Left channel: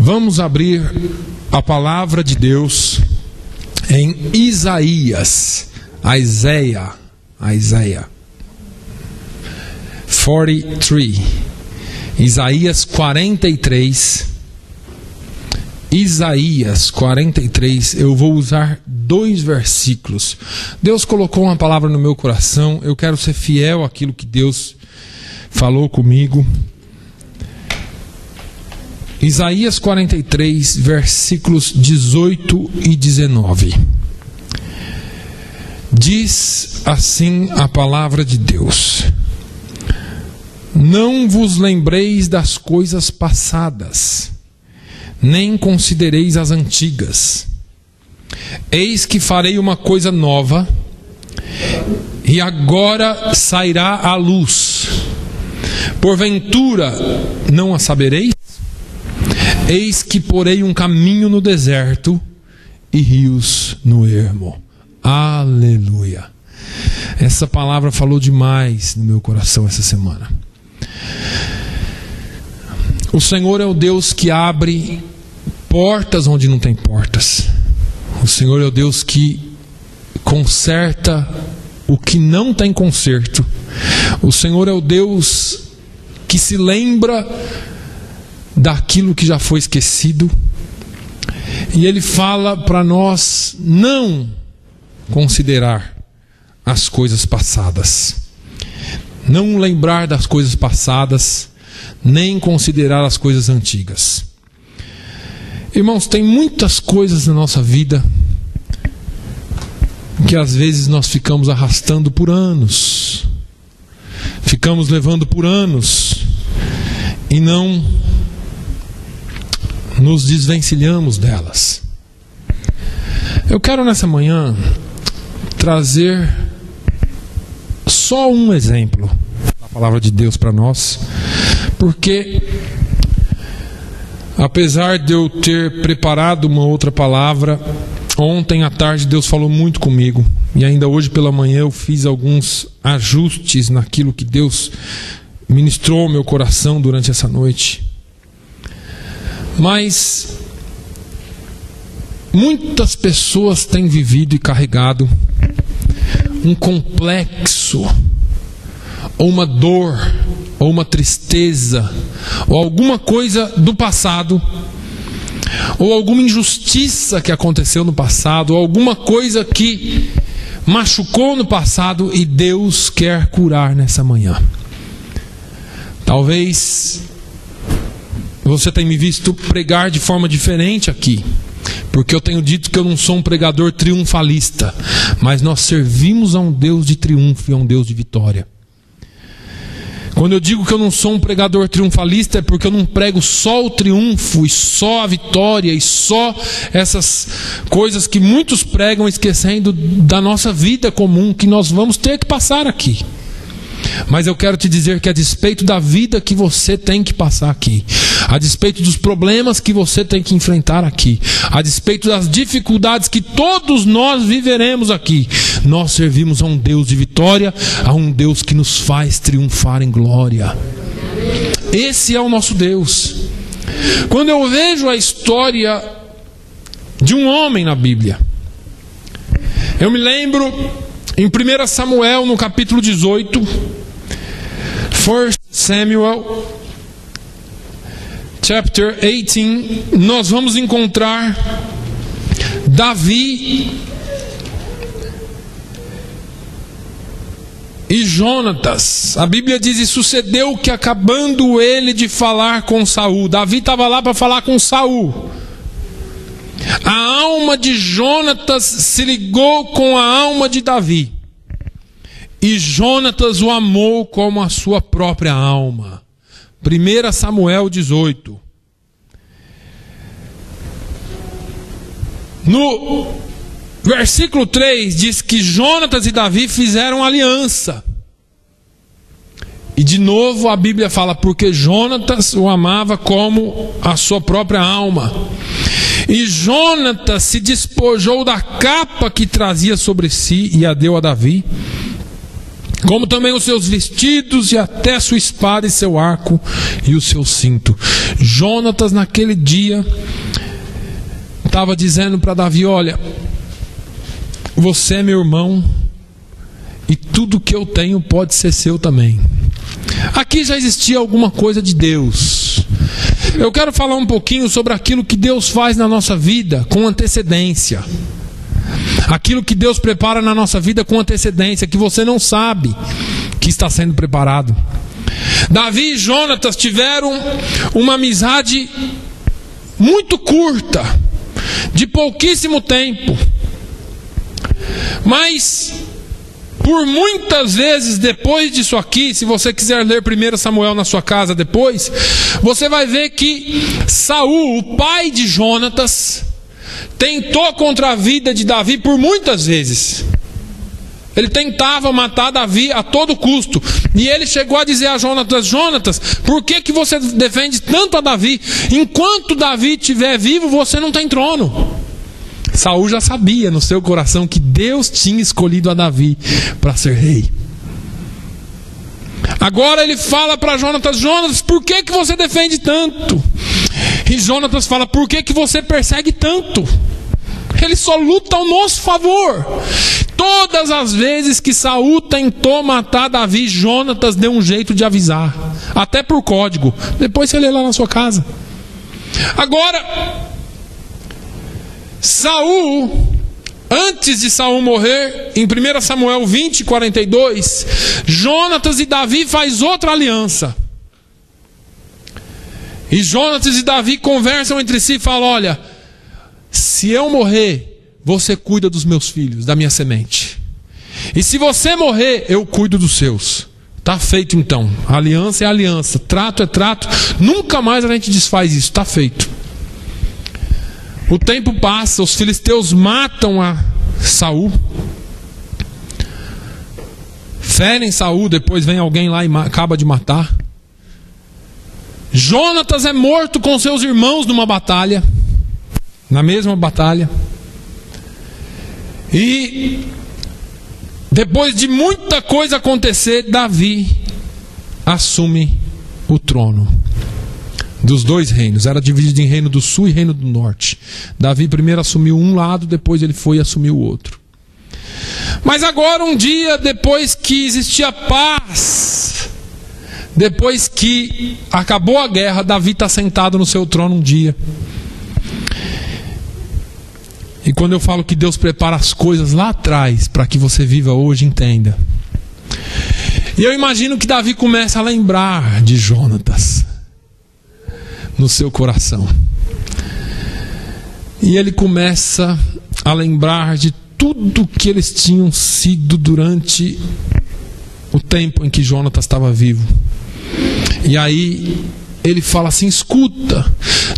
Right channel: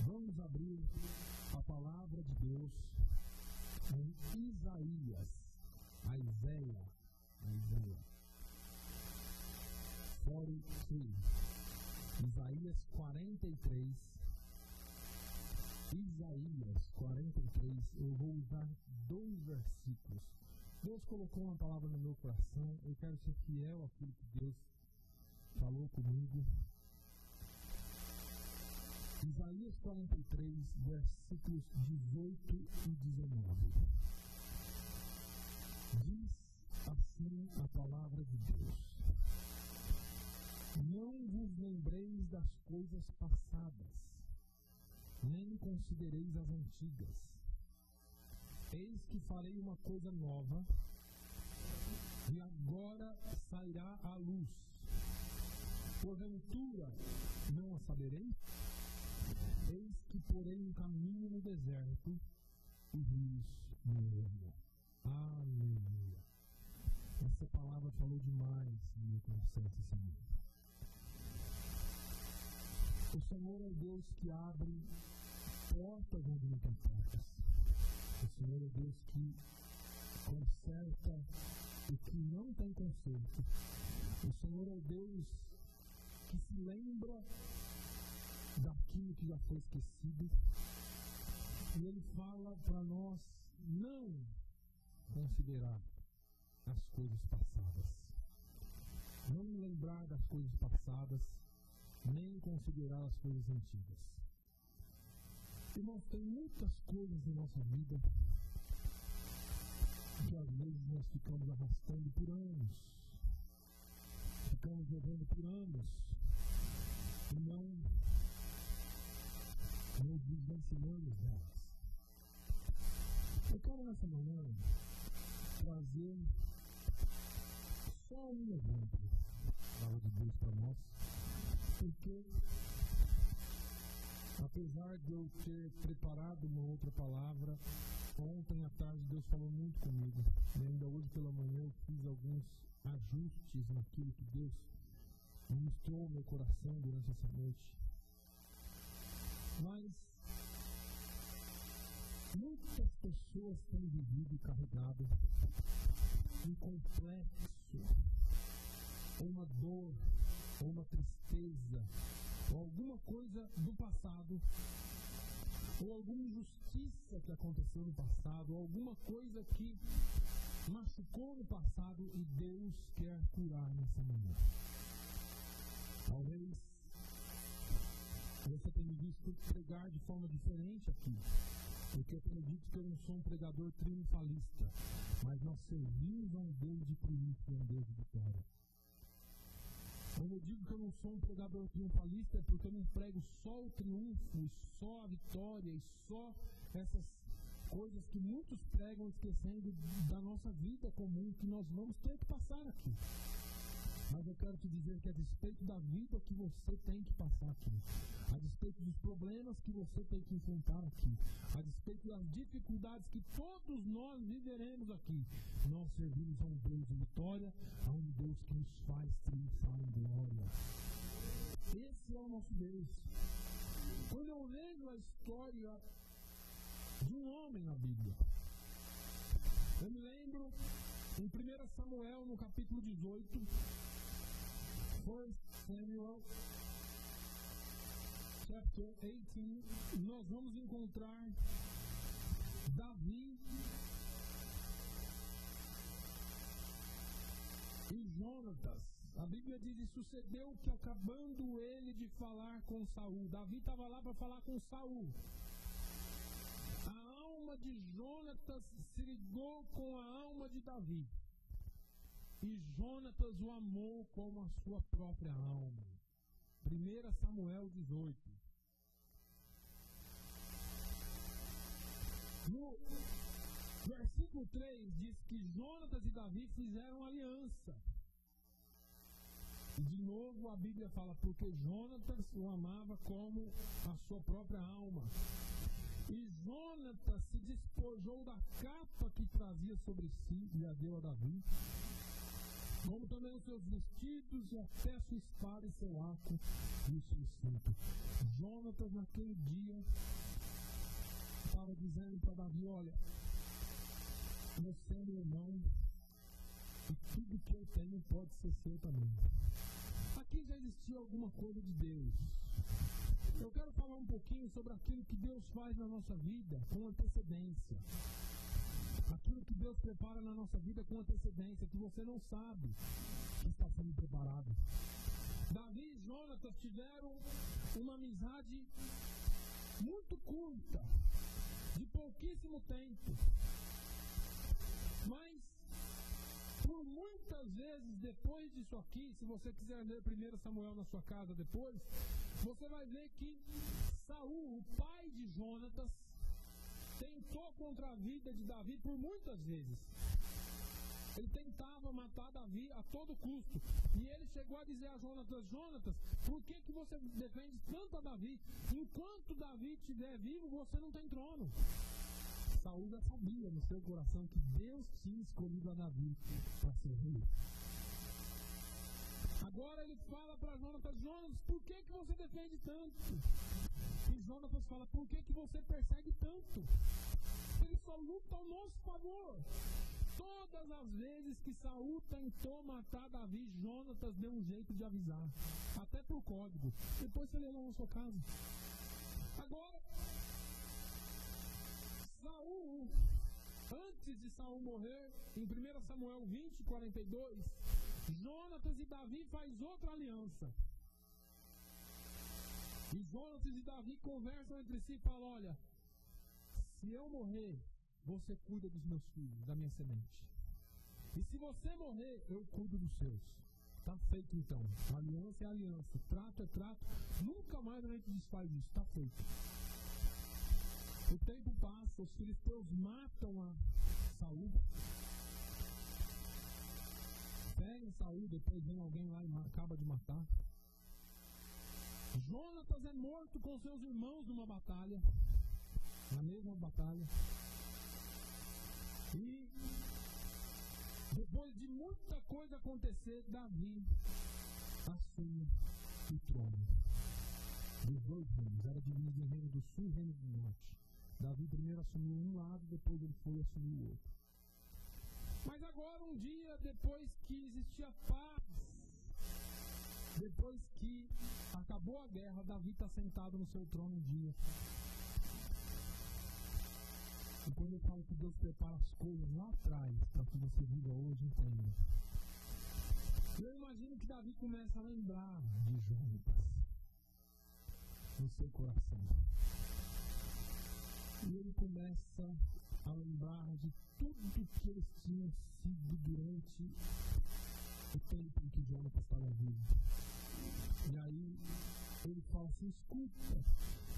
Vamos abrir a palavra de Deus em Isaías 43. Isaías 43. Isaías 43, eu vou usar 2 versículos. Deus colocou uma palavra no meu coração, eu quero ser fiel àquilo que Deus falou comigo. Isaías 43, versículos 18 e 19. Diz assim a palavra de Deus: Não vos lembreis das coisas passadas, nem considereis as antigas. Eis que farei uma coisa nova, e agora sairá à luz. Porventura não a sabereis? Eis que porei um caminho no deserto e rios no ermo. Aleluia. Essa palavra falou demais no meu coração essa semana. O Senhor é o Deus que abre portas onde não tem portas. O Senhor é o Deus que conserta o que não tem conserto. O Senhor é o Deus que se lembra daquilo que já foi esquecido. E Ele fala para nós não considerar as coisas passadas, não lembrar das coisas passadas, nem considerar as coisas antigas. Irmãos, tem muitas coisas na nossa vida que às vezes nós ficamos arrastando por anos, ficamos levando por anos e não nos desvencilhamos delas. Eu quero nessa manhã trazer só um exemplo da palavra de Deus para nós, porque apesar de eu ter preparado uma outra palavra, ontem à tarde Deus falou muito comigo, e ainda hoje pela manhã eu fiz alguns ajustes naquilo que Deus ministrou ao meu coração durante essa noite. Mas muitas pessoas têm vivido e carregado um complexo, ou uma dor, ou uma tristeza, ou alguma coisa do passado, ou alguma injustiça que aconteceu no passado, ou alguma coisa que machucou no passado, e Deus quer curar nessa manhã. Talvez você tenha me visto pregar de forma diferente aqui, porque eu tenho dito que eu não sou um pregador triunfalista, mas nós servimos a um Deus de triunfo e a um Deus de vitória. Quando eu digo que eu não sou um pregador triunfalista, é porque eu não prego só o triunfo e só a vitória e só essas coisas que muitos pregam, esquecendo da nossa vida comum que nós vamos ter que passar aqui. Mas eu quero te dizer que a despeito da vida que você tem que passar aqui, a despeito dos problemas que você tem que enfrentar aqui, a despeito das dificuldades que todos nós viveremos aqui, nós servimos a um Deus de vitória, a um Deus que nos faz triunfar em glória. Esse é o nosso Deus. Quando eu vejo a história de um homem na Bíblia, eu me lembro em 1 Samuel, no capítulo 18, 1 Samuel, chapter 18, nós vamos encontrar Davi e Jonatas. A Bíblia diz: e sucedeu que, acabando ele de falar com Saul, Davi estava lá para falar com Saul, a alma de Jonatas se ligou com a alma de Davi, e Jonatas o amou como a sua própria alma. 1 Samuel 18. No versículo 3 diz que Jonatas e Davi fizeram aliança. E de novo a Bíblia fala: porque Jonatas o amava como a sua própria alma. E Jonatas se despojou da capa que trazia sobre si e a deu a Davi. como também os seus vestidos e até sua espada e seu arco e o seu cinto. Jonatas naquele dia estava dizendo para Davi: olha, você é meu irmão e tudo que eu tenho pode ser seu também. Aqui já existia alguma coisa de Deus. Eu quero falar um pouquinho sobre aquilo que Deus faz na nossa vida com antecedência. Aquilo que Deus prepara na nossa vida com antecedência, que você não sabe que está sendo preparado. Davi e Jonatas tiveram uma amizade muito curta, de pouquíssimo tempo. Mas por muitas vezes depois disso aqui, se você quiser ler 1 Samuel na sua casa depois, você vai ver que Saul, o pai de Jonatas, tentou contra a vida de Davi por muitas vezes. Ele tentava matar Davi a todo custo. E ele chegou a dizer a Jonatas: Jonatas, por que você defende tanto a Davi? Enquanto Davi estiver vivo, você não tem trono. Saul já sabia no seu coração que Deus tinha escolhido a Davi para ser rei. Agora ele fala para Jonatas: Jonatas, por que você defende tanto? E Jonatas fala: por que você persegue tanto? Ele só luta ao nosso favor. Todas as vezes que Saul tentou matar Davi, Jonatas deu um jeito de avisar, até por código. Depois você lê lá na sua casa. Agora, Saul, antes de Saul morrer, em 1 Samuel 20, 42, Jonatas e Davi faz outra aliança. E Jonatas e Davi conversam entre si e falam: olha, se eu morrer, você cuida dos meus filhos, da minha semente. E se você morrer, eu cuido dos seus. Está feito então. Aliança é aliança, trato é trato. Nunca mais a gente desfaz isso, está feito. O tempo passa, os filisteus matam a Saul, ferem Saul, depois vem alguém lá e acaba de matar. Jonatas é morto com seus irmãos numa batalha, na mesma batalha. E depois de muita coisa acontecer, Davi assume o trono dos dois reinos. Era dividido em reino do sul e reino do norte. Davi primeiro assumiu um lado, depois ele foi e assumiu o outro. Mas agora, um dia depois que existia paz, depois que acabou a guerra, Davi está sentado no seu trono um dia. E quando eu falo que Deus prepara as coisas lá atrás para que você viva hoje, entenda. E eu imagino que Davi começa a lembrar de Jonatas no seu coração. E ele começa a lembrar de tudo que eles tinham sido durante o tempo em que Jonatas estava vivo. E aí ele fala assim: escuta,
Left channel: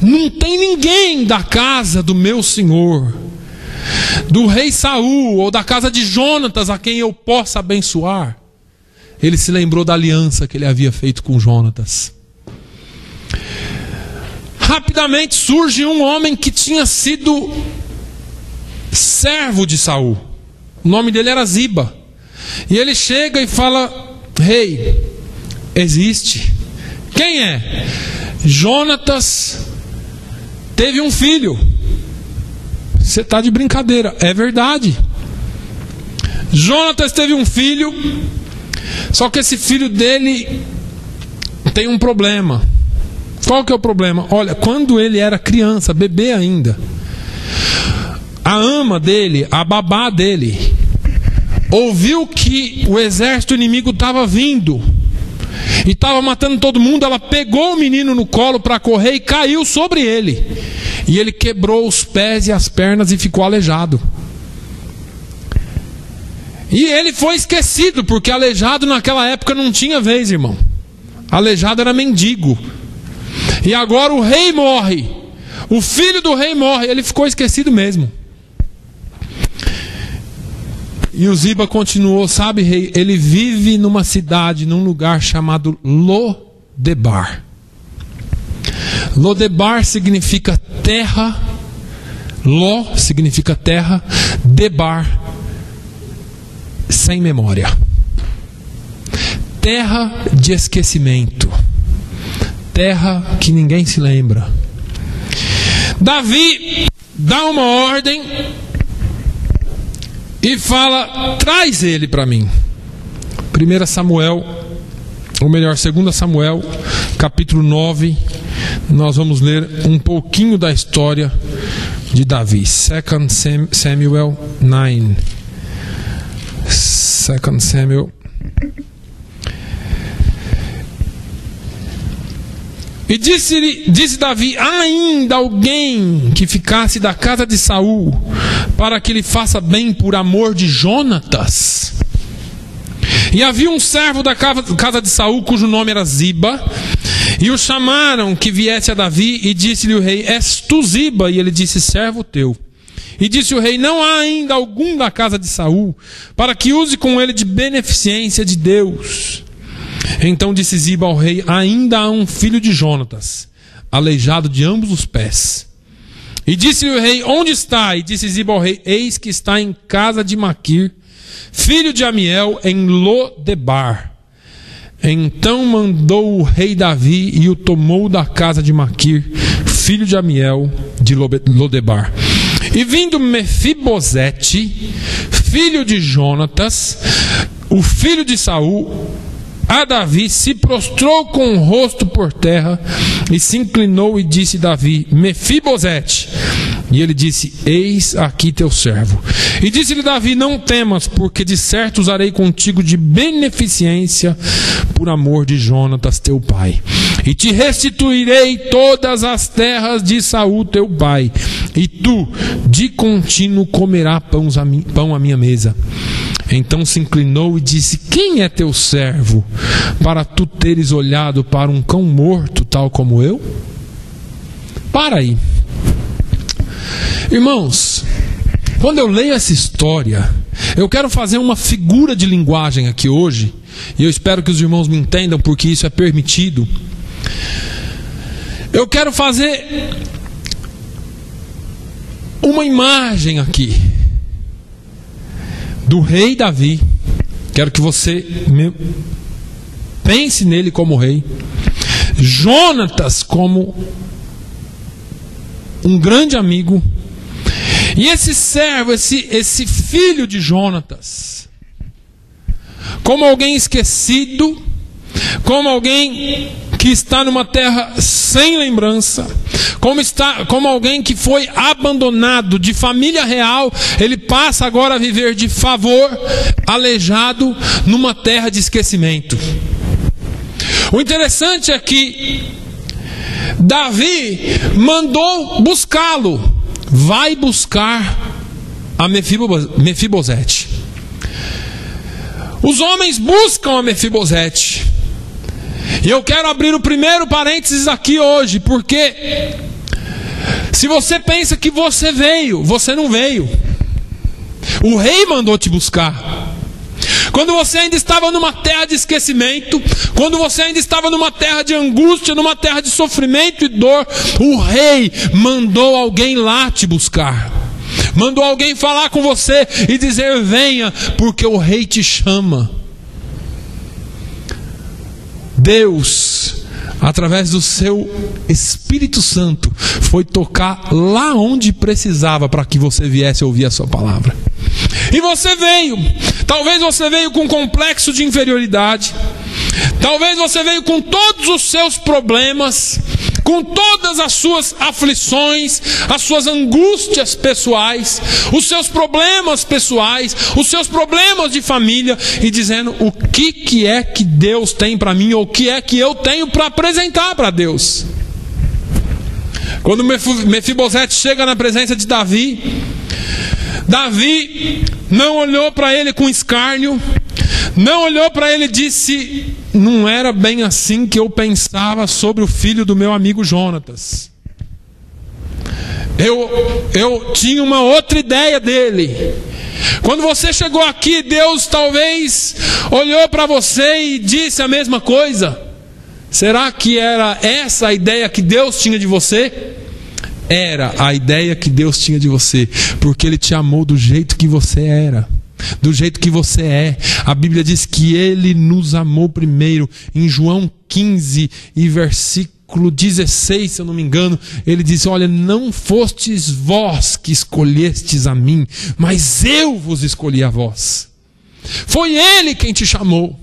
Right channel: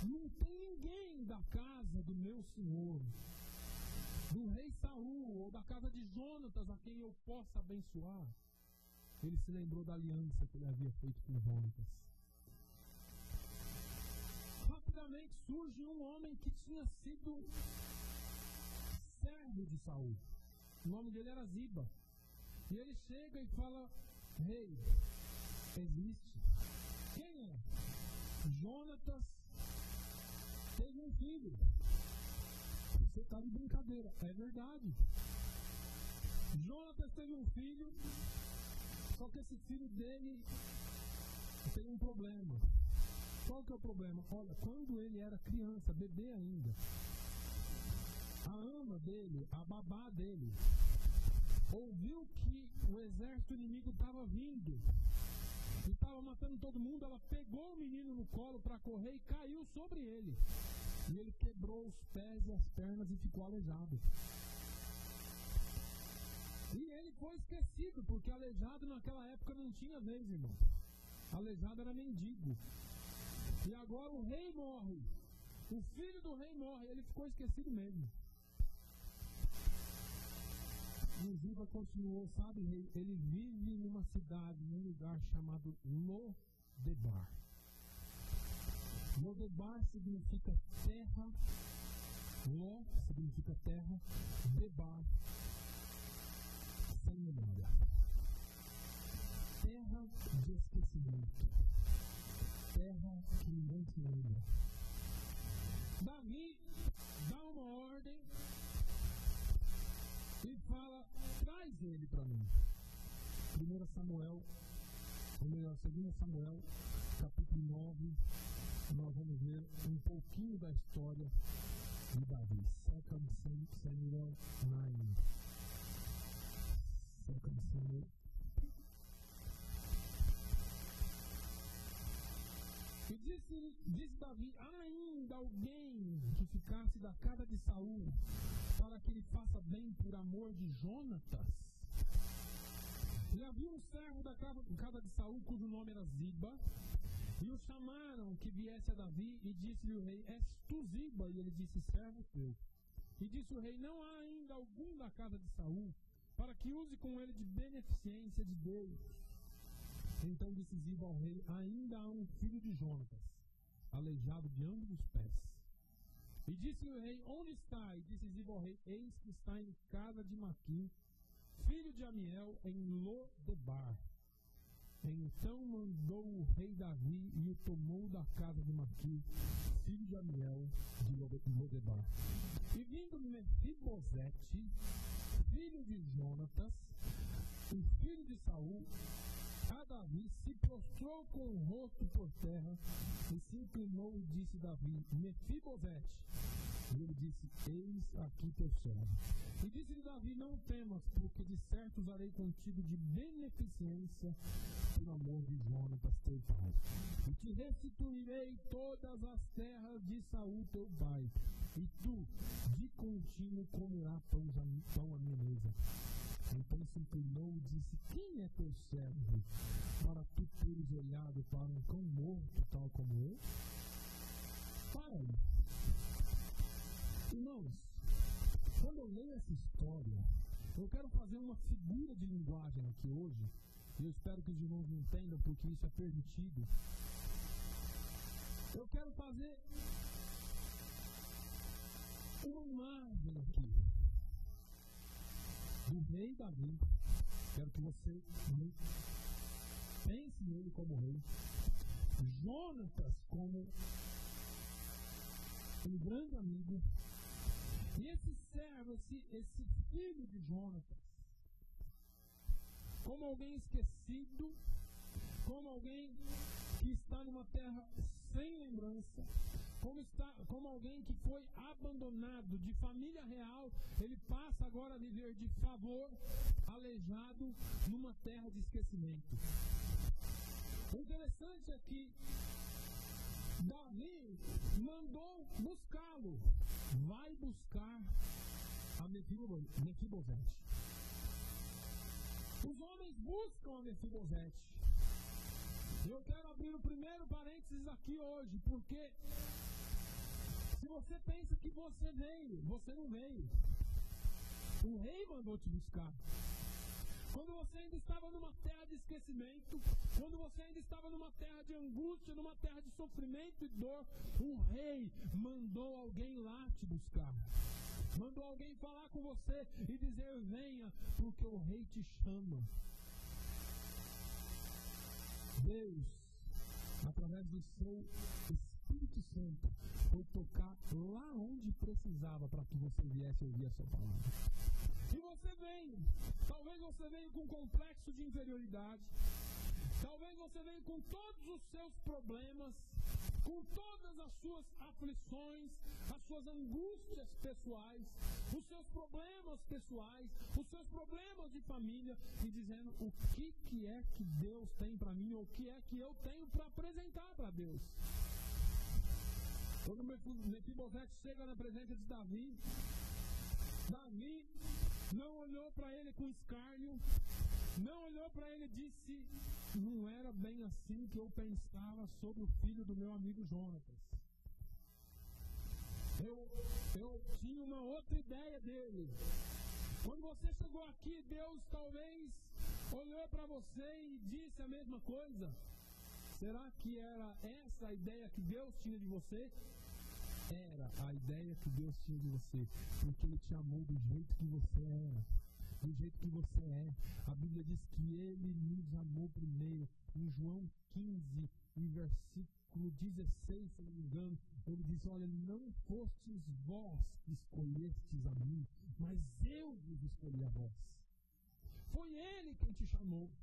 não tem ninguém da casa do meu senhor, do rei Saul ou da casa de Jonatas, a quem eu possa abençoar. Ele se lembrou da aliança que ele havia feito com Jonatas. Rapidamente surge um homem que tinha sido servo de Saul. O nome dele era Ziba. E ele chega e fala: rei, existe. Quem é? Jonatas teve um filho. Você está de brincadeira. É verdade. Jonatas teve um filho, só que esse filho dele tem um problema. Qual que é o problema? Olha, quando ele era criança, bebê ainda, a ama dele, a babá dele, ouviu que o exército inimigo estava vindo e estava matando todo mundo. Ela pegou o menino no colo para correr e caiu sobre ele. E ele quebrou os pés e as pernas e ficou aleijado. E ele foi esquecido, porque aleijado naquela época não tinha vez, irmão. Aleijado era mendigo. E agora o rei morre, o filho do rei morre, ele ficou esquecido mesmo. E o Ziba continuou: sabe, rei, ele vive numa cidade, num lugar chamado Lodebar. Lodebar significa terra, Lo significa terra, Debar, sem memória. terra de esquecimento, terra que ninguém se lembra. Davi dá uma ordem e fala: traz ele para mim. 1 Samuel, ou melhor, 2 Samuel, capítulo 9, nós vamos ler um pouquinho da história de Davi. 2 Samuel 9. 2 Samuel. E disse Davi: há ainda alguém que ficasse da casa de Saul, para que lhe faça bem por amor de Jonatas? E havia um servo da casa de Saul, cujo nome era Ziba, e o chamaram que viesse a Davi, e disse-lhe o rei: és tu Ziba? E ele disse: servo teu. E disse o rei: não há ainda algum da casa de Saul, para que use com ele de beneficência de Deus? Então disse Ziba ao rei: ainda há um filho de Jonatas, aleijado de ambos os pés. E disse-lhe o rei: onde está? E disse Ziba ao rei: eis que está em casa de Maquir, filho de Amiel, em Lodebar. Então mandou o rei Davi e o tomou da casa de Maquir, filho de Amiel, de Lodebar. E vindo Mefibosete, filho de Jonatas, o filho de Saul, a Davi, se prostrou com o rosto por terra e se inclinou e disse Davi: Mefibosete. E ele disse: eis aqui teu servo. E disse-lhe Davi: não temas, porque de certo usarei contigo de beneficência por amor de Jonatas teu pai. E te restituirei todas as terras de Saul teu pai, e tu de contínuo comerás pão à minha mesa. Então se inclinou e disse: quem é teu servo, para tu teres olhado para um cão morto, tal como eu? Para aí. Irmãos, quando eu leio essa história, eu quero fazer uma figura de linguagem aqui hoje, e eu espero que os irmãos me entendam, porque isso é permitido. Eu quero fazer uma imagem aqui do rei Davi. Quero que você pense nele como rei, Jonatas como um grande amigo, e esse servo, esse filho de Jonatas, como alguém esquecido, como alguém que está numa terra sem lembrança, como alguém que foi abandonado de família real. Ele passa agora a viver de favor, aleijado numa terra de esquecimento. O interessante é que Davi mandou buscá-lo. Vai buscar a Mefibosete. Os homens buscam a Mefibosete. E eu quero abrir o primeiro parênteses aqui hoje, porque se você pensa que você veio, você não veio. O rei mandou te buscar. Quando você ainda estava numa terra de esquecimento, quando você ainda estava numa terra de angústia, numa terra de sofrimento e dor, o rei mandou alguém lá te buscar. Mandou alguém falar com você e dizer: venha, porque o rei te chama. Deus, através do seu Espírito Santo, foi tocar lá onde precisava para que você viesse ouvir a sua palavra. E você veio. Talvez você veio com complexo de inferioridade. Talvez você veio com todos os seus problemas, com todas as suas aflições, as suas angústias pessoais, os seus problemas pessoais, os seus problemas de família, e dizendo: o que é que Deus tem para mim, ou o que é que eu tenho para apresentar para Deus? Quando Mefibosete chega na presença de Davi, Davi não olhou para ele com escárnio, não olhou para ele e disse: não era bem assim que eu pensava sobre o filho do meu amigo Jonatas. Eu tinha uma outra ideia dele. Quando você chegou aqui, Deus talvez olhou para você e disse a mesma coisa. Será que era essa a ideia que Deus tinha de você? Era a ideia que Deus tinha de você, porque Ele te amou do jeito que você era. do jeito que você é. A Bíblia diz que Ele nos amou primeiro. Em João 15 e versículo 16, se eu não me engano, Ele diz: olha, não fostes vós que escolhestes a mim, mas eu vos escolhi a vós. Foi Ele quem te chamou.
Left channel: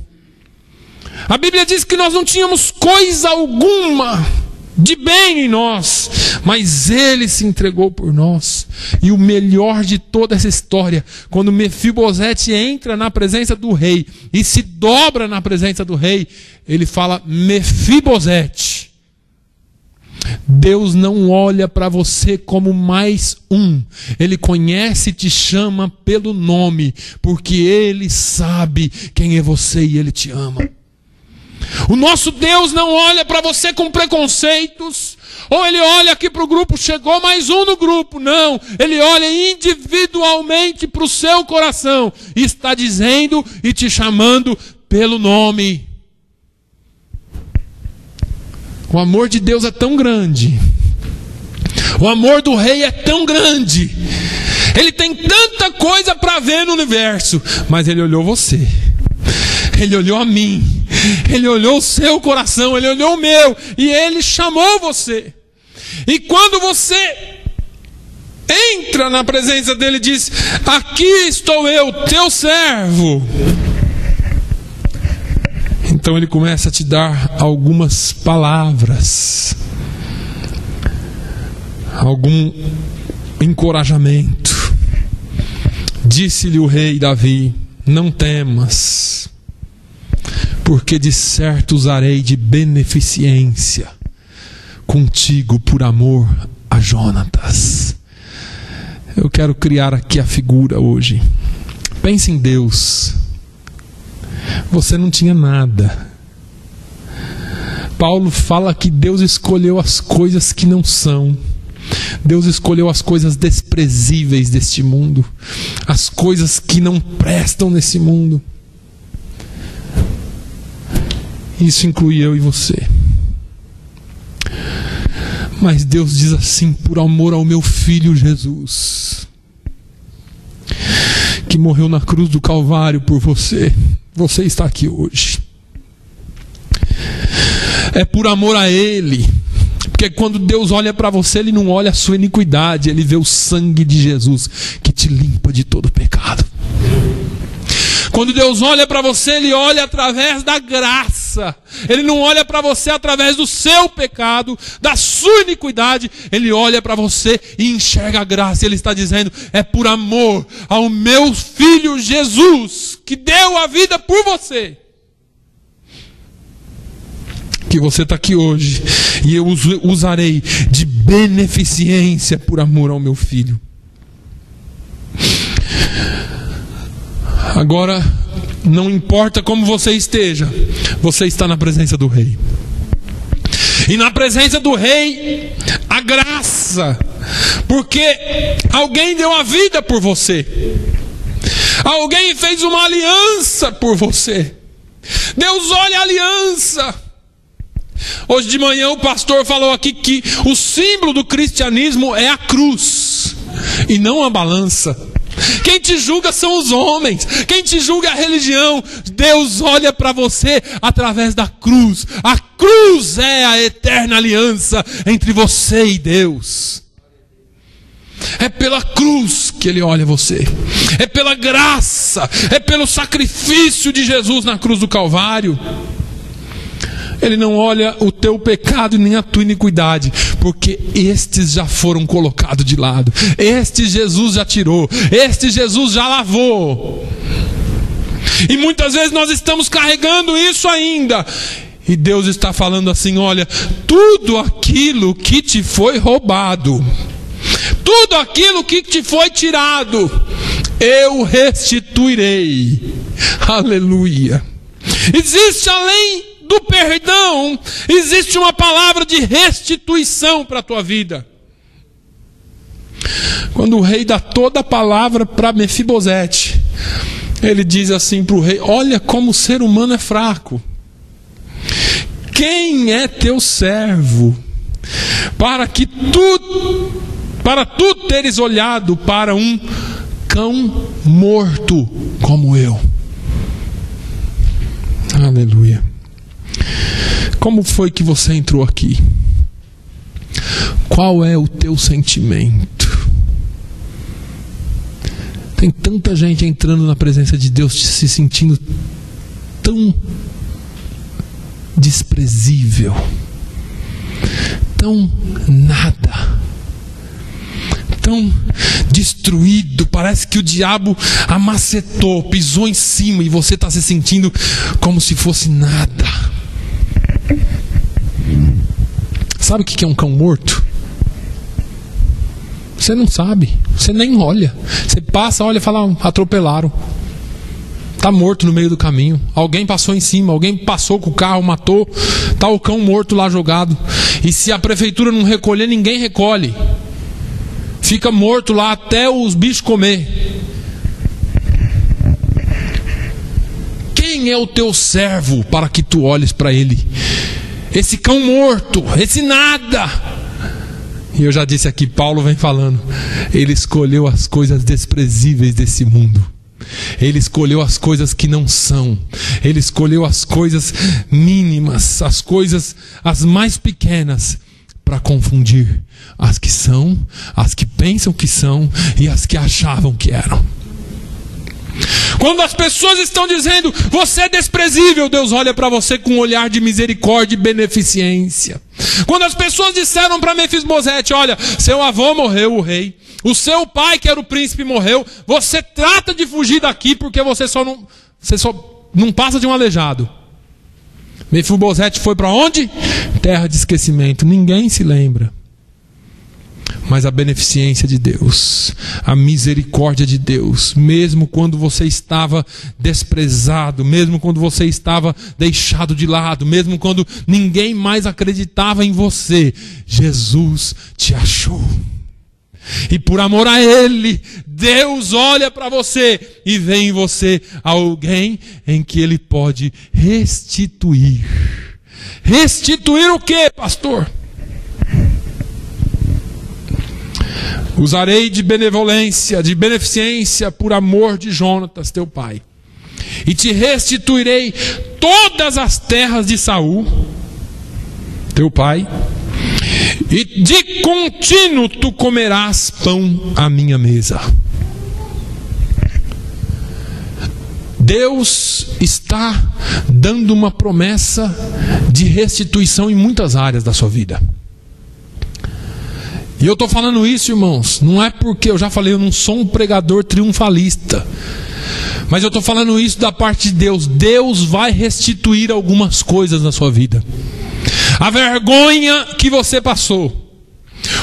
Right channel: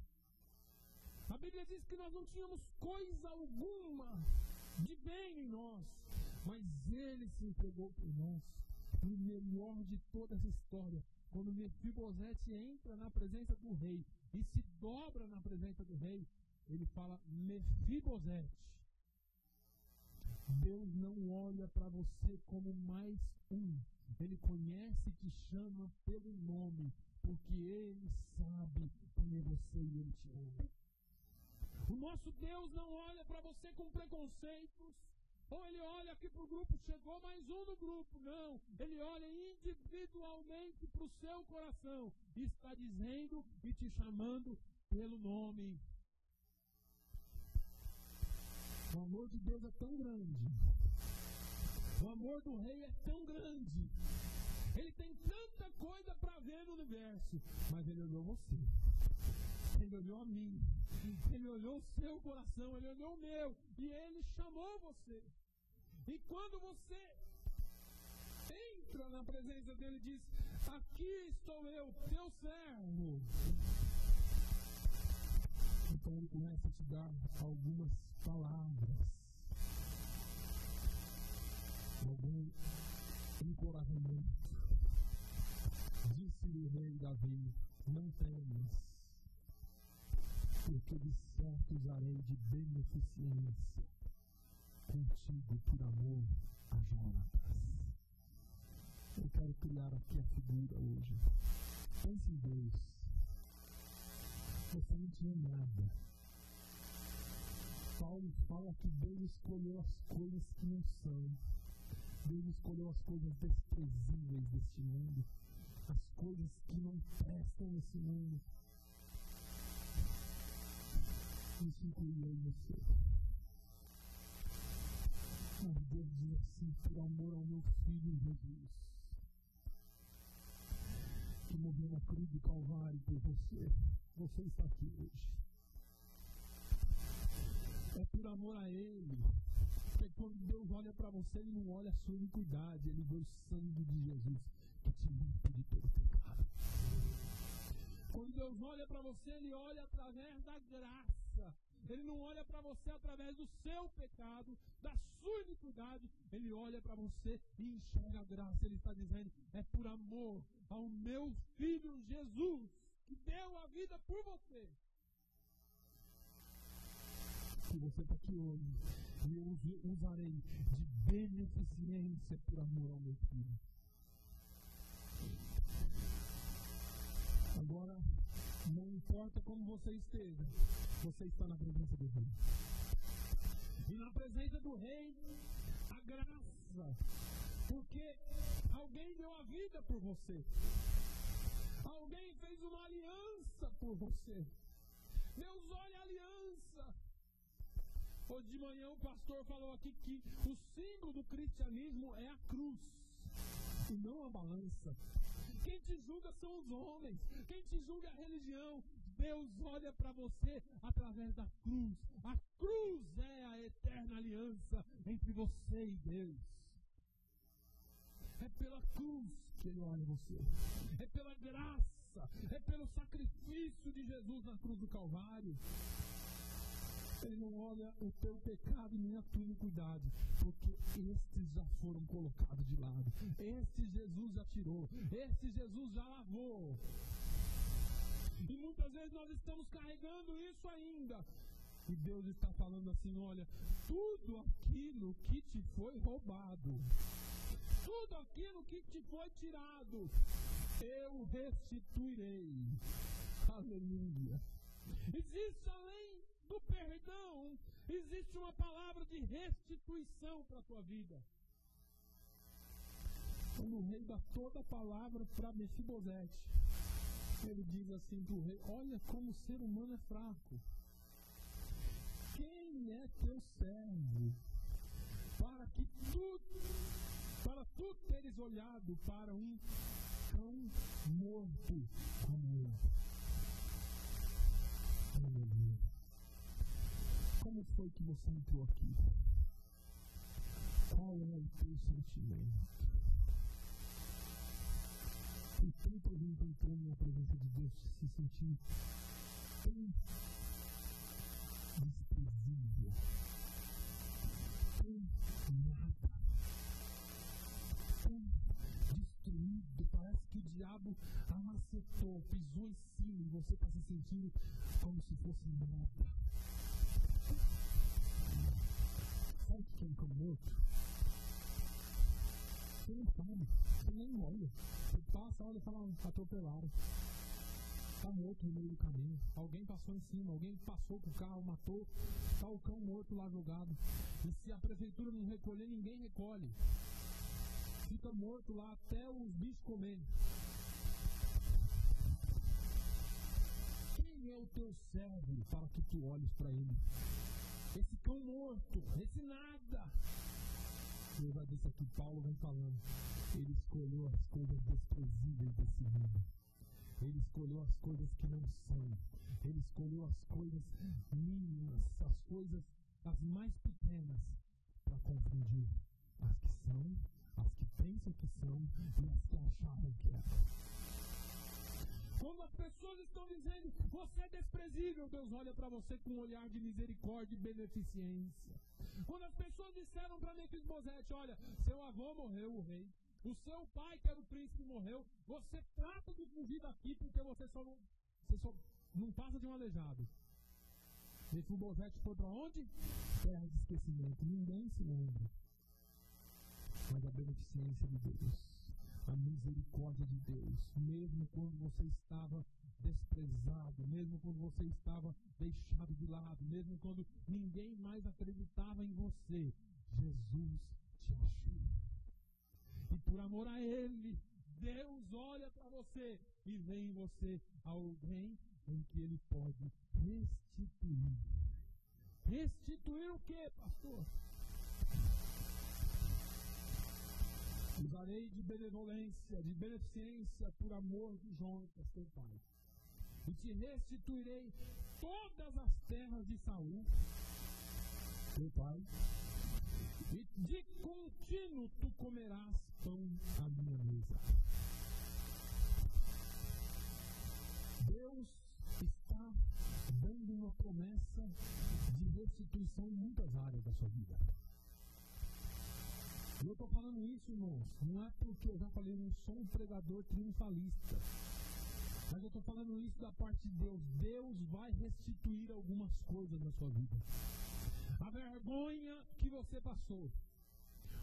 A Bíblia diz que nós não tínhamos coisa alguma de bem em nós, mas Ele se entregou por nós. E o melhor de toda essa história, quando Mefibosete entra na presença do rei e se dobra na presença do rei, ele fala: Mefibosete. Deus não olha para você como mais um. Ele conhece e te chama pelo nome, porque Ele sabe quem é você e Ele te ama. O nosso Deus não olha para você com preconceitos, ou Ele olha aqui para o grupo, chegou mais um no grupo. Não, Ele olha individualmente para o seu coração e está dizendo e te chamando pelo nome. O amor de Deus é tão grande, o amor do rei é tão grande, Ele tem tanta coisa para ver no universo, mas Ele olhou você, Ele olhou a mim, Ele olhou o seu coração, Ele olhou o meu, e Ele chamou você. E quando você entra na presença dEle e diz: aqui estou eu, teu servo, então Ele começa a te dar algumas palavras, algum encorajamento. Disse-lhe o rei Davi: não temas, porque de certo usarei de beneficência contigo por amor a Jonatas. Eu quero criar aqui a figura hoje. Pense em Deus. Você não tinha nada. Paulo fala que Deus escolheu as coisas que não são. Deus escolheu as coisas desprezíveis deste mundo, as coisas que não prestam nesse mundo. Isso inclui eu e você. Mas Deus diz assim: por amor ao meu filho Jesus, que morreu na cruz do Calvário por você, você está aqui hoje. É por amor a Ele. Porque quando Deus olha para você, Ele não olha a sua iniquidade, Ele vê o sangue de Jesus que te limpa de todo pecado. Quando Deus olha para você, Ele olha através da graça. Ele não olha para você através do seu pecado, da sua iniquidade. Ele olha para você e enxerga a graça. Ele está dizendo: é por amor ao meu filho Jesus, que deu a vida por você, que você está aqui hoje. E eu usarei de beneficência por amor ao meu filho. Agora, não importa como você esteja, você está na presença do rei. E na presença do rei, a graça, porque alguém deu a vida por você, alguém fez uma aliança por você. Deus olha a aliança. Hoje de manhã o pastor falou aqui que o símbolo do cristianismo é a cruz e não a balança. Quem te julga são os homens, quem te julga é a religião. Deus olha para você através da cruz. A cruz é a eterna aliança entre você e Deus. É pela cruz que Ele olha você, é pela graça, é pelo sacrifício de Jesus na cruz do Calvário. Ele não olha o teu pecado nem a tua iniquidade, porque estes já foram colocados de lado. Este Jesus já tirou, este Jesus já lavou. E muitas vezes nós estamos carregando isso ainda. E Deus está falando assim: olha, tudo aquilo que te foi roubado, tudo aquilo que te foi tirado, eu restituirei. Aleluia. Existe além do perdão, existe uma palavra de restituição para a tua vida. Quando o rei dá toda a palavra para Mefibosete, ele diz assim para o rei: olha como o ser humano é fraco. Quem é teu servo para tu teres olhado para um cão morto como eu. Aleluia. Como foi que você entrou aqui? Qual é o teu sentimento? Tem tanta gente entrando na presença de Deus se sentindo tão desprezível, tão nada, tão destruído. Parece que o diabo amacetou, pisou em cima e você está se sentindo como se fosse nada. Sabe o que é um cão morto? Você não sabe, você nem olha. Você passa, olha e fala: atropelaram. Está morto no meio do caminho. Alguém passou em cima, alguém passou com o carro, matou. Está o cão morto lá jogado. E se a prefeitura não recolher, ninguém recolhe. Fica morto lá até os bichos comer. Quem é o teu servo para que tu olhes para ele? Esse cão morto, esse nada. E eu já disse aqui, Paulo vem falando, ele escolheu as coisas desprezíveis desse mundo. Ele escolheu as coisas que não são. Ele escolheu as coisas mínimas, as coisas as mais pequenas, para confundir as que são, as que pensam que são e as que achavam que eram. Quando as pessoas estão dizendo: você é desprezível, Deus olha para você com um olhar de misericórdia e beneficência. Quando as pessoas disseram para Mefisbosete: olha, seu avô morreu, o rei, o seu pai, que era o príncipe, morreu, você trata de fugir daqui porque você só não passa de um aleijado. Mefisbosete foi para onde? Terra de esquecimento. Ninguém se lembra. Mas a beneficência de Deus, a misericórdia de Deus, mesmo quando você estava desprezado, mesmo quando você estava deixado de lado, mesmo quando ninguém mais acreditava em você, Jesus te achou. E por amor a Ele, Deus olha para você e vê em você alguém em que Ele pode restituir. Restituir o quê, pastor? Usarei de benevolência, de beneficência por amor de Jonatas, teu pai. E te restituirei todas as terras de Saul, teu pai. E de contínuo tu comerás pão à minha mesa. Deus está dando uma promessa de restituição em muitas áreas da sua vida. E eu estou falando isso, irmãos, não é porque eu já falei, eu não sou um pregador triunfalista, mas eu estou falando isso da parte de Deus. Deus vai restituir algumas coisas na sua vida. A vergonha que você passou,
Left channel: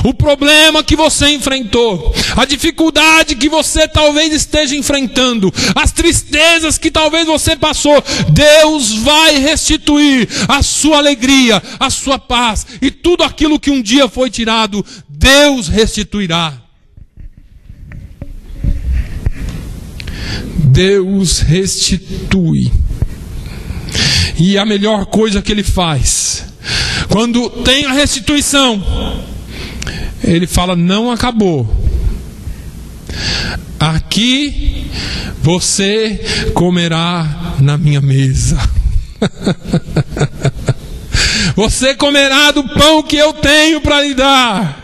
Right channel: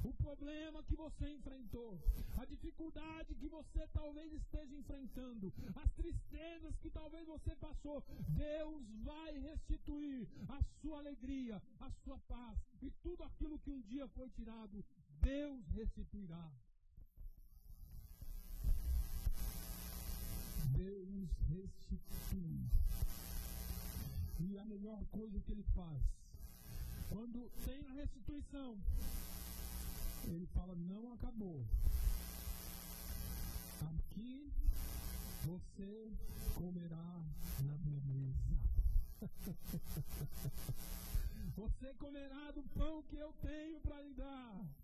o problema que você enfrentou, a dificuldade que você talvez esteja enfrentando, as tristezas que talvez você passou, Deus vai restituir a sua alegria, a sua paz, e tudo aquilo que um dia foi tirado, Deus restituirá. Deus restitui. E a melhor coisa que Ele faz, quando tem a restituição, Ele fala: não acabou. Aqui você comerá na minha mesa. Você comerá do pão que eu tenho para lhe dar.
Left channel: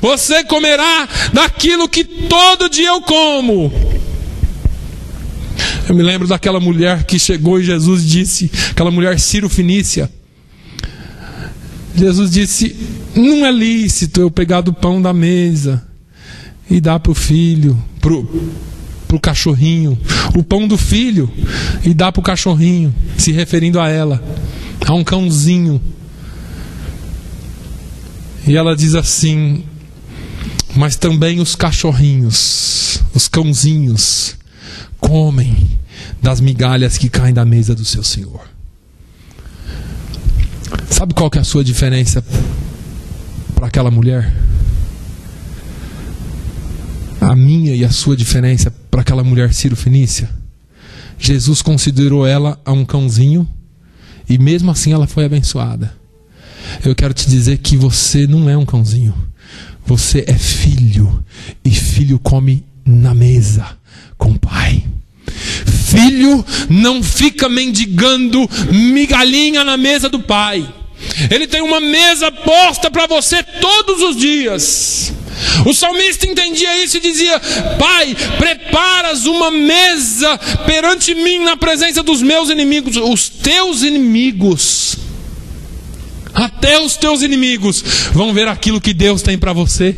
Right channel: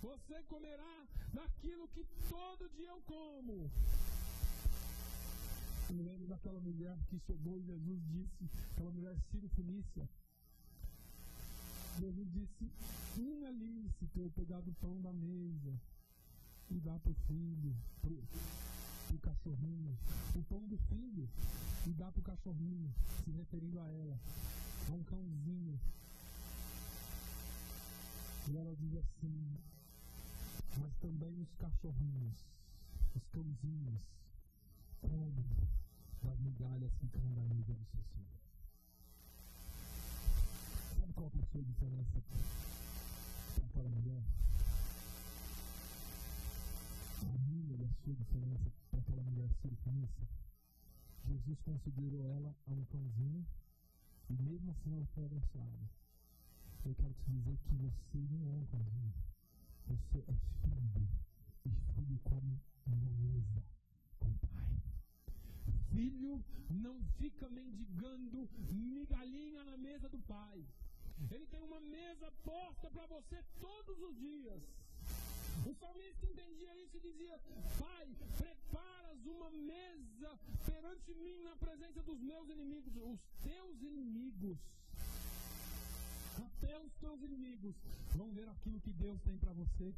Você comerá daquilo que todo dia eu como. Eu me lembro daquela mulher que chegou e Jesus disse, aquela mulher Ciro-Fenícia. Jesus disse: não é lícito eu pegar do pão da mesa e dar para o filho, para o cachorrinho, o pão do filho, e dar para o cachorrinho, se referindo a ela, a um cãozinho. E ela diz assim: mas também os cachorrinhos, os cãozinhos, comem das migalhas que caem da mesa do seu Senhor. Sabe qual que é a sua diferença para aquela mulher? A minha e a sua diferença para aquela mulher Ciro-Fenícia? Jesus considerou ela a um cãozinho e mesmo assim ela foi abençoada. Eu quero te dizer que você não é um cãozinho. Você é filho. E filho come na mesa com o Pai. Filho não fica mendigando migalhinha na mesa do Pai. Ele tem uma mesa posta para você todos os dias. O salmista entendia isso e dizia: Pai, preparas uma mesa perante mim na presença dos meus inimigos. Os teus inimigos, até os teus inimigos vão ver aquilo que Deus tem para você,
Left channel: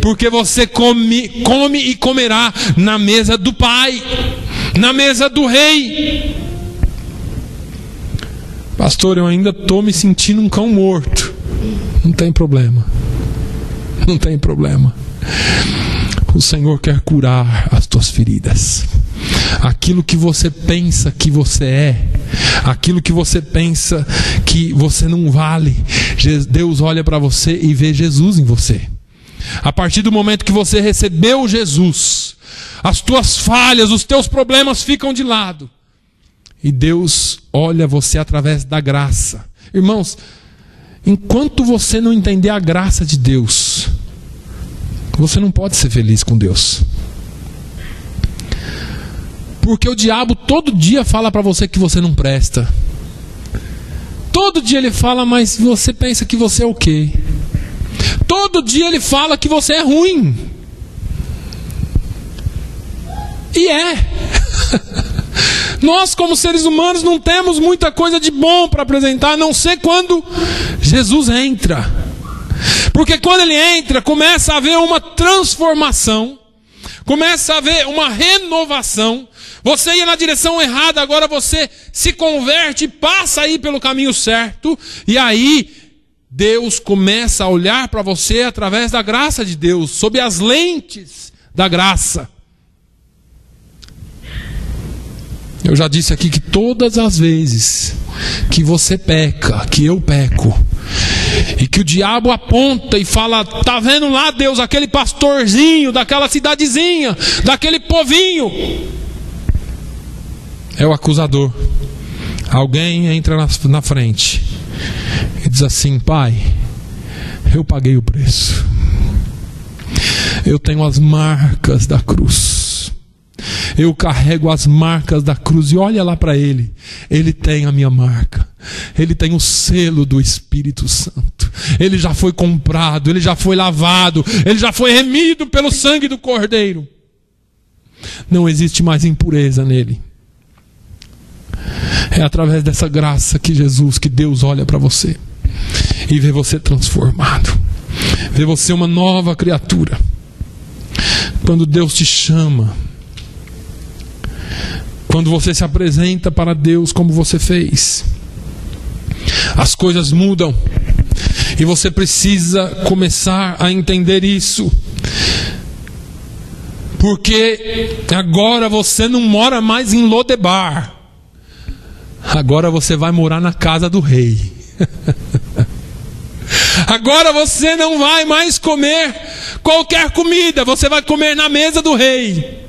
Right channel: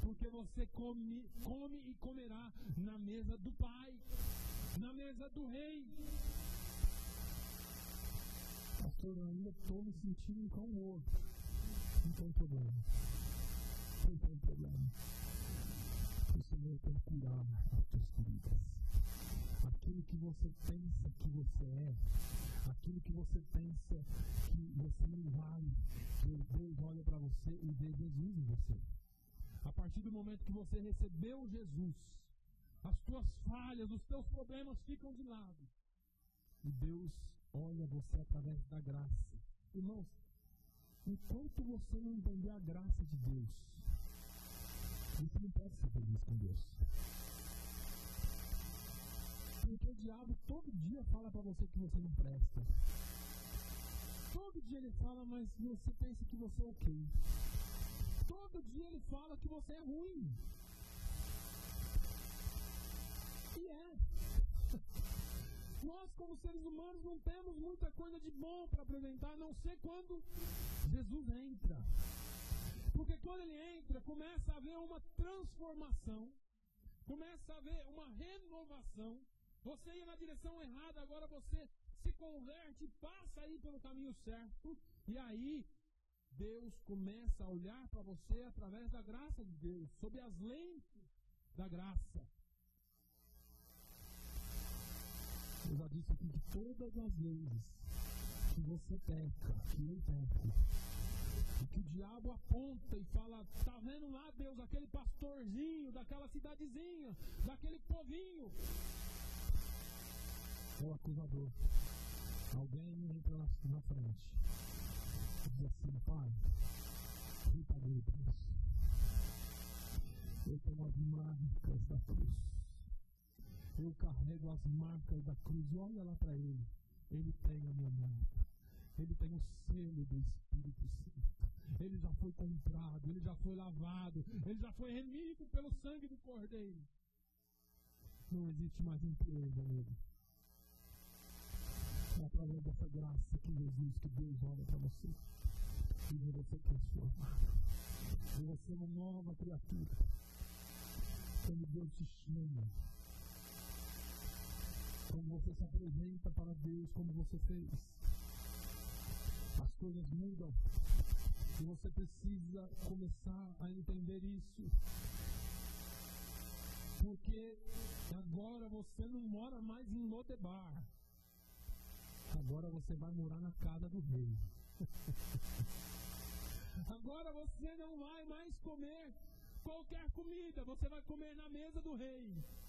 porque você come e comerá na mesa do Pai, na mesa do Rei. Pastor, eu ainda estou me sentindo um cão morto. Não tem problema. Não tem problema. O Senhor quer curar as tuas feridas. Aquilo que você pensa que você é, aquilo que você pensa que você não vale, Deus olha para você e vê Jesus em você. A partir do momento que você recebeu Jesus, as tuas falhas, os teus problemas ficam de lado. E Deus olha você através da graça. Irmãos, enquanto você não entender a graça de Deus, você não pode ser feliz com Deus. Porque o diabo todo dia fala para você que você não presta. Todo dia ele fala, mas você pensa que você é o quê? Todo dia ele fala que você é ruim. E é. Nós, como seres humanos, não temos muita coisa de bom para apresentar, a não ser quando Jesus entra. Porque quando ele entra, começa a haver uma transformação, começa a haver uma renovação. Você ia na direção errada, agora você se converte e passa a ir pelo caminho certo. E aí Deus começa a olhar para você através da graça de Deus, sob as lentes da graça. Eu já disse aqui que todas as vezes que você peca, que eu peco, e que o diabo aponta e fala: tá vendo lá, Deus, aquele pastorzinho daquela cidadezinha, daquele povinho, é o acusador. Alguém entra na frente e diz assim: Pai, eu paguei o preço, eu tenho as marcas da cruz, eu carrego as marcas da cruz. E olha lá para ele, ele tem a minha marca, ele tem o selo do Espírito Santo, ele já foi comprado, ele já foi lavado, ele já foi remido pelo sangue do Cordeiro. Não existe mais impureza nele. É através dessa graça que Deus olha para você e vê você transformado, vê você uma nova criatura. Quando Deus te chama, quando você se apresenta para Deus como você fez, as coisas mudam. E você precisa começar a entender isso. Porque agora você não mora mais em Lodebar. Agora você vai morar na casa do rei. Agora você não vai mais comer qualquer comida, você vai comer na mesa do rei.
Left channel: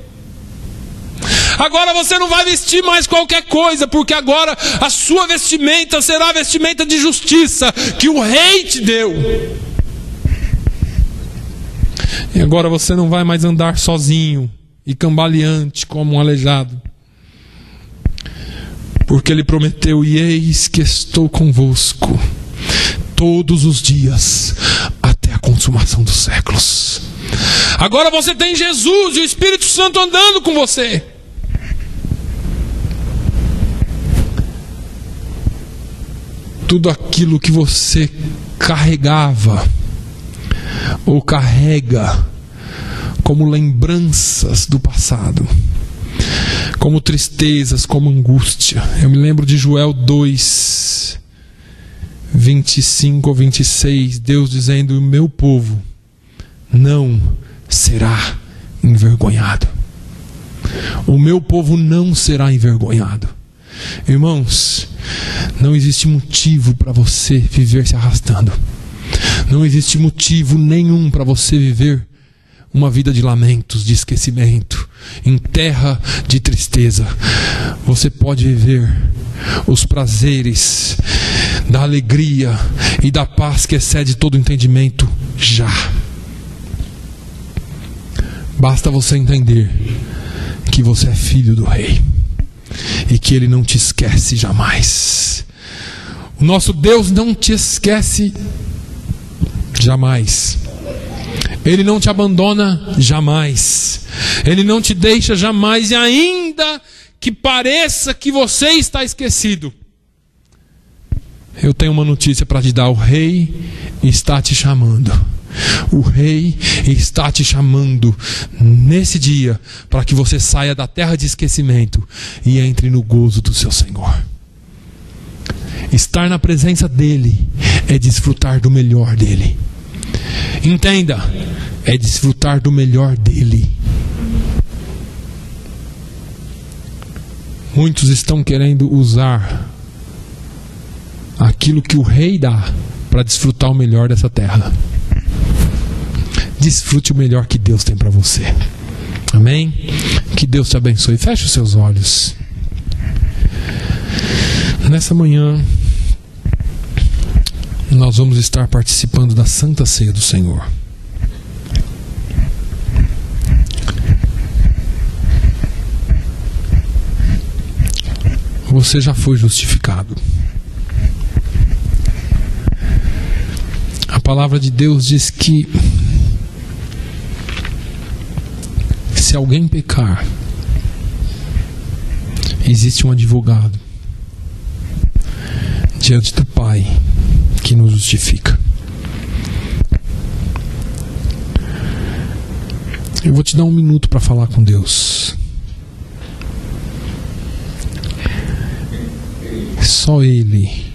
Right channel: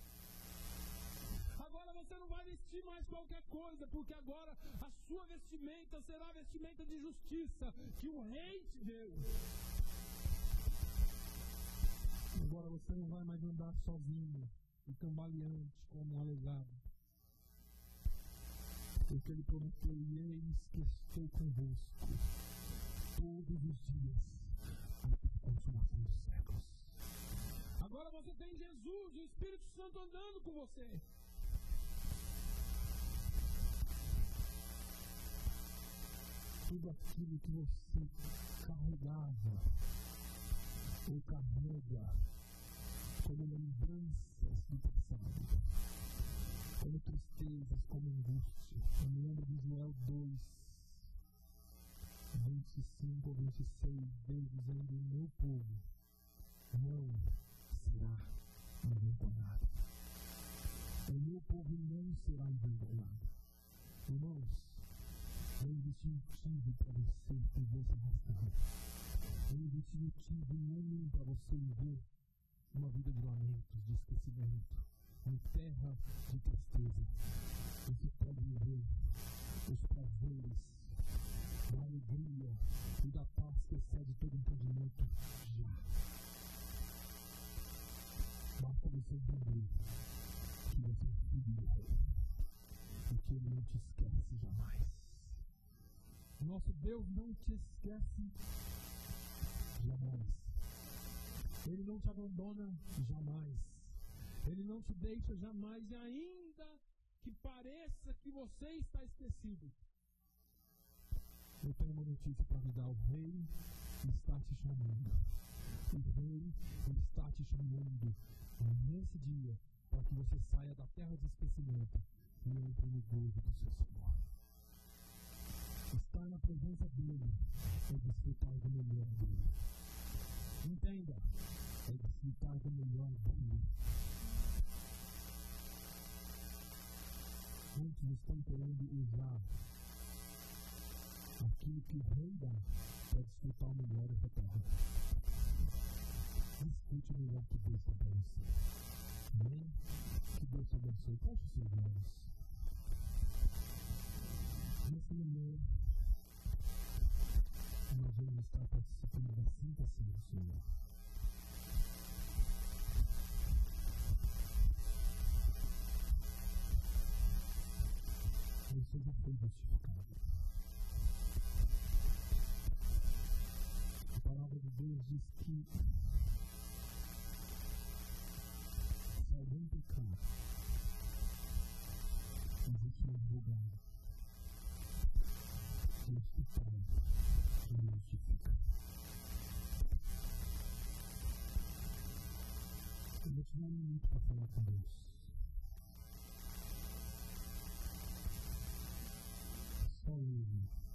Agora você não vai vestir mais qualquer coisa, porque agora a sua vestimenta será a vestimenta de justiça que o rei te deu. E agora você não vai mais andar sozinho e cambaleante como um aleijado, porque ele prometeu: e eis que estou convosco todos os dias até a consumação dos séculos. Agora você tem Jesus e o Espírito Santo andando com você. Tudo aquilo que você carregava ou carrega como lembranças do passado, como tristezas, como angústia. Eu me lembro de Joel 2, 25 ou 26, Deus dizendo: o meu povo não será envergonhado. O meu povo não será envergonhado. Irmãos, não existe motivo para você viver se arrastando. Não existe motivo nenhum para você viver uma vida de lamentos, de esquecimento, em terra de tristeza. Você pode viver os prazeres da alegria e da paz que excede todo entendimento já. Basta você entender que você é filho do Rei e que Ele não te esquece jamais. O nosso Deus não te esquece jamais. Ele não te abandona jamais. Ele não te deixa jamais. E ainda que pareça que você está esquecido, eu tenho uma notícia para te dar. O Rei está te chamando. O Rei está te chamando nesse dia para que você saia da terra de esquecimento e entre no gozo do seu Senhor. Estar na presença dEle é desfrutar do melhor dEle. Entenda, é desfrutar do melhor dEle. Muitos estão querendo usar aquilo que o Rei dá para desfrutar o melhor dessa terra. Desfrute o melhor que Deus tem para você. Amém? Que Deus te abençoe. Feche os seus olhos. Nessa manhã, nós vamos estar participando da Santa Ceia do Senhor. Você já foi justificado. A palavra de Deus diz que se alguém pecar, existe um advogado diante do Pai que nos justifica. Eu vou te dar 1 minuto para falar com Deus. Só Ele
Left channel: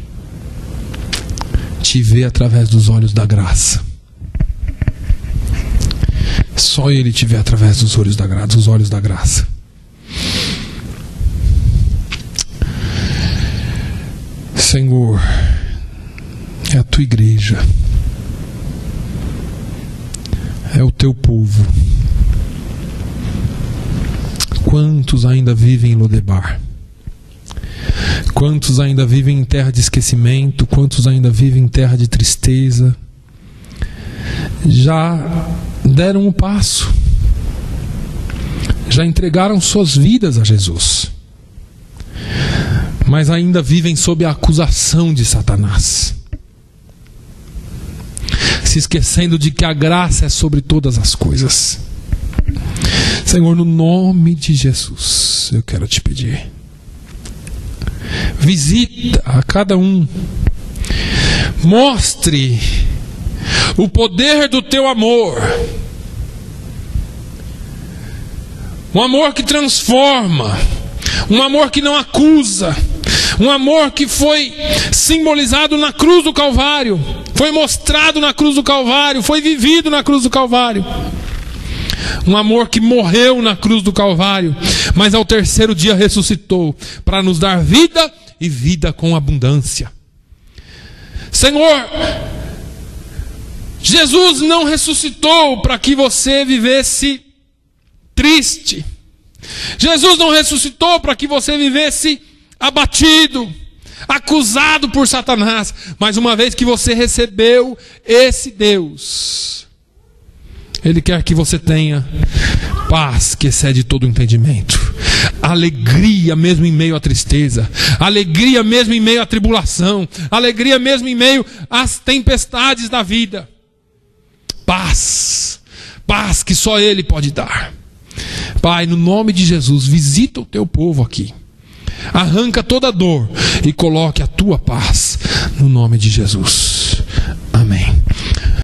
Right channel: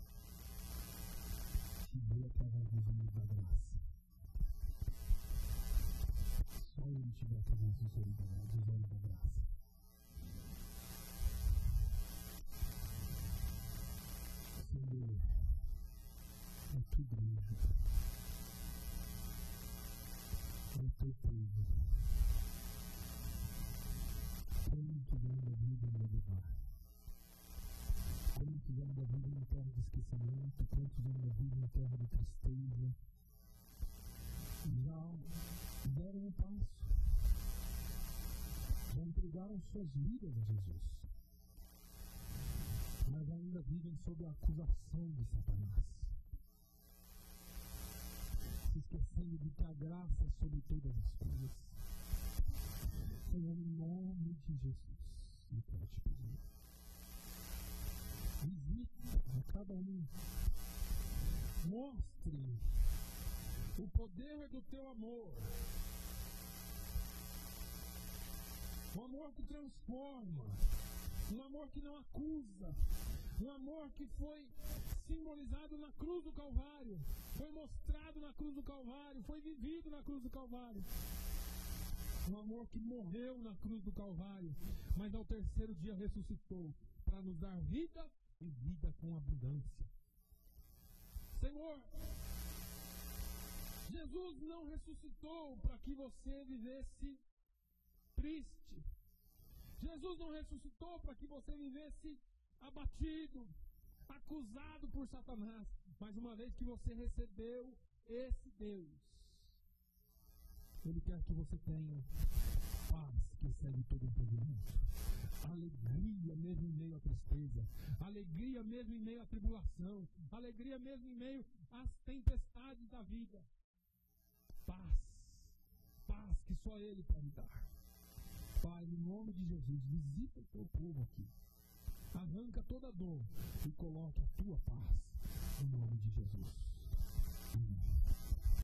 te vê através dos olhos da graça. Só Ele te vê através dos olhos da graça. Senhor, é a tua igreja, é o teu povo. Quantos ainda vivem em Lodebar? Quantos ainda vivem em terra de esquecimento? Quantos ainda vivem em terra de tristeza? Já deram um passo, já entregaram suas vidas a Jesus, mas ainda vivem sob a acusação de Satanás, se esquecendo de que a graça é sobre todas as coisas. Senhor, no nome de Jesus, eu quero te pedir, visita a cada um, mostre o poder do teu amor, um amor que transforma, um amor que não acusa, um amor que foi simbolizado na cruz do Calvário, foi mostrado na cruz do Calvário, foi vivido na cruz do Calvário. Um amor que morreu na cruz do Calvário, mas ao terceiro dia ressuscitou para nos dar vida e vida com abundância. Senhor, Jesus não ressuscitou para que você vivesse triste. Jesus não ressuscitou para que você vivesse abatido, acusado por Satanás. Mas uma vez que você recebeu esse Deus, Ele quer que você tenha paz que excede todo o entendimento, alegria mesmo em meio à tristeza, alegria mesmo em meio à tribulação, alegria mesmo em meio às tempestades da vida. Paz, paz que só Ele pode dar. Pai, no nome de Jesus, visita o teu povo aqui, arranca toda dor e coloque a tua paz no nome de Jesus.